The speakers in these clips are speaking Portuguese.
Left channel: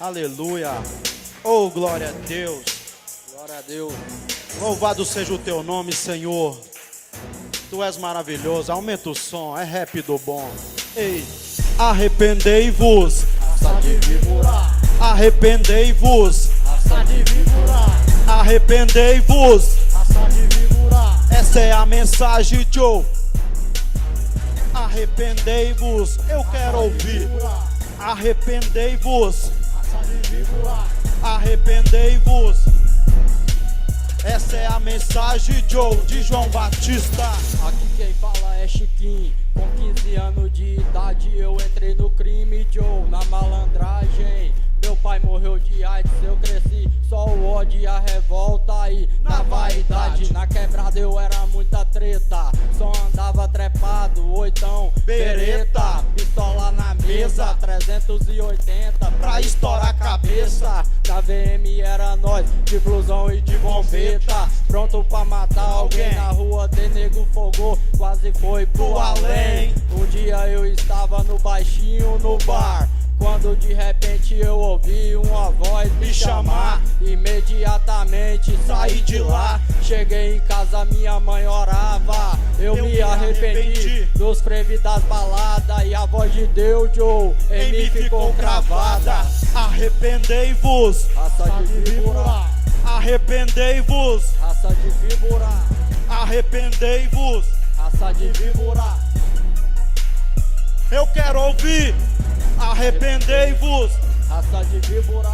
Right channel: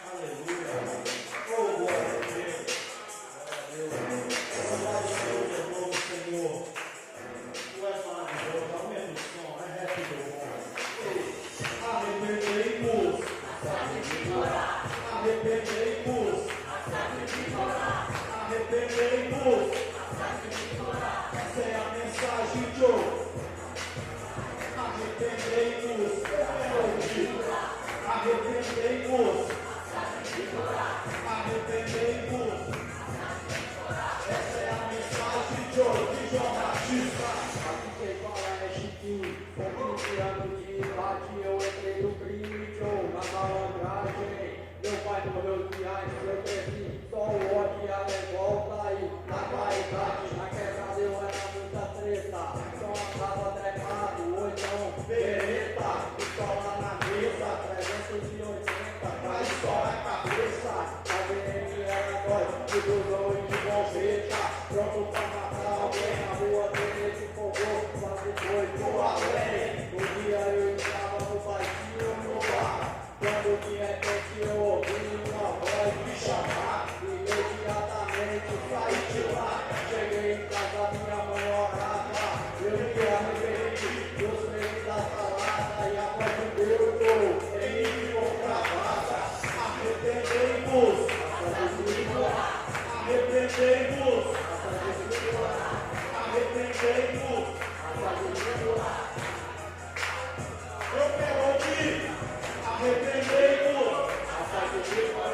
Aleluia. Oh, glória a Deus. Glória a Deus. Louvado seja o teu nome, Senhor. Tu és maravilhoso. Aumenta o som. É rap do bom. Ei, arrependei-vos. Arrependei-vos. Arrependei-vos. Essa é a mensagem, Joe. Arrependei-vos. Eu quero ouvir. Arrependei-vos. Arrependei-vos. Essa é a mensagem, Joe, de João Batista. Aqui quem fala é Chiquinho. Com 15 anos de idade eu entrei no crime, Joe, na malandragem. Meu pai morreu de AIDS, eu cresci só o ódio e a revolta. E na vaidade, na quebrada eu era muita treta. Só andava trepado, oitão, bereta. Pistola na mesa, 380 pra estourar a cabeça. Na VM era nós, de blusão e de bombeta. Pronto pra matar alguém na rua, tem nego fogou, quase foi pro além. Um dia eu estava no baixinho no bar, quando de repente eu ouvi uma voz me chamar. Imediatamente saí de lá, cheguei em casa, minha mãe orava. Eu me arrependi dos cremes das baladas, e a voz de Deus, Joe, em mim ficou cravada. Arrependei-vos. Raça de víbora, Arrependei-vos. raça de víbora, Arrependei-vos. raça de víbora. Eu quero ouvir. Arrependei-vos. Raça de víbora,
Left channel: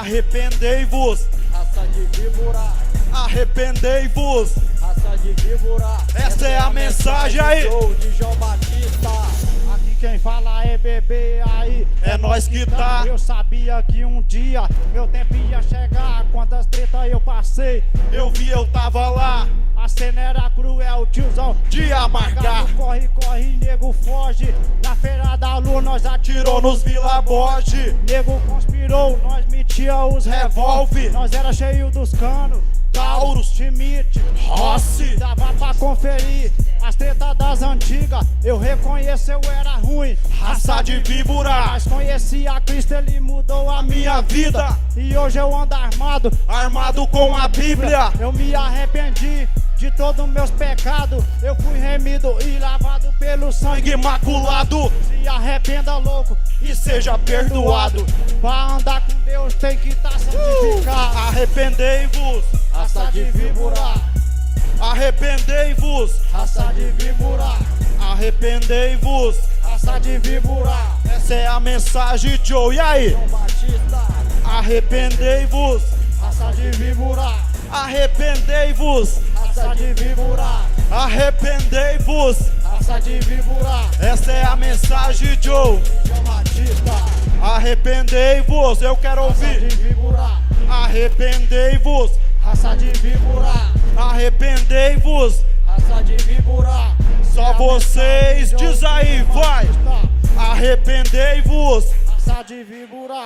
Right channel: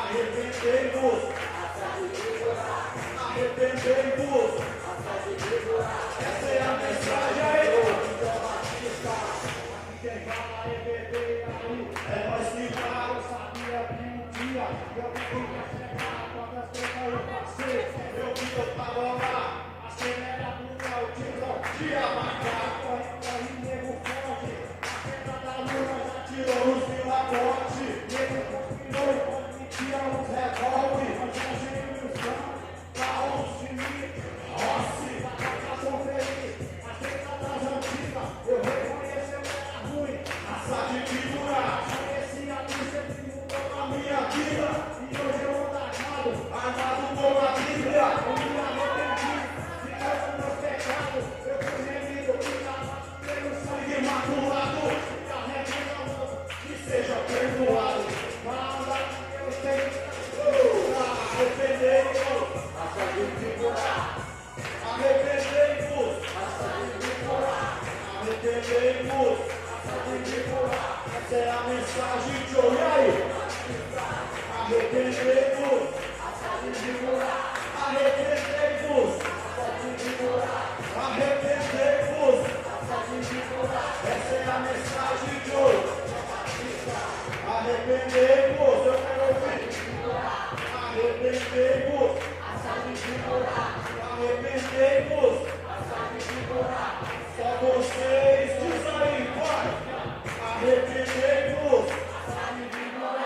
Arrependei-vos. raça de víbora, Arrependei-vos. raça de víbora. Essa é a mensagem aí. Sou de João Batista. Aqui quem fala é bebê aí. É nós que tá. Eu sabia que um dia meu tempo ia chegar. Quantas tretas eu passei. Eu vi, eu tava lá. Acelera cruel, tiozão. De abarcar. Corre, corre, nego foge. Na feira da lua nós Tirou atirou. nos Vila Borge. Nego conspirou, nós metia os Revolve. Nós era cheio dos canos. Taurus. Schmidt, Rossi. dava pra conferir as tretas das antigas. Eu reconheci, eu era ruim. Raça de víbora. Mas conheci a Cristo, ele mudou a Minha vida. E hoje eu ando armado. Armado com a Bíblia. Eu me arrependi de todos meus pecados. Eu fui remido e lavado pelo sangue. Sangue imaculado. Se arrependa, louco, E seja perdoado. pra andar com Deus tem que estar santificado. Arrependei-vos. Raça de víbora, Arrependei-vos. Raça de víbora, Arrependei-vos. raça de víbora. Essa é a mensagem, Joe. E aí? Arrependei-vos. Raça de víbora, Arrependei-vos. raça de víbora, Arrependei-vos. raça de víbora. Essa é a mensagem, Joe. João Batista, Arrependei-vos. Eu quero raça ouvir. de víbora, Arrependei-vos. raça de víbora, Arrependei-vos. raça de víbora. Só vocês. Diz aí, vai. Arrependei-vos. Raça de víbora,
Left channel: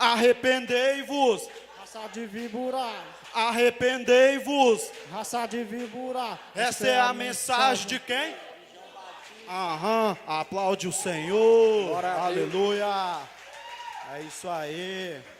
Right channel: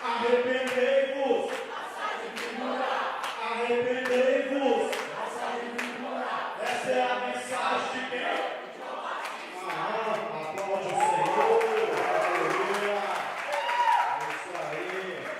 Arrependei-vos. raça de víbora, Arrependei-vos. raça de víbora. Essa é a mensagem de quem? Aham, aplaude o Senhor. Aleluia. É isso aí.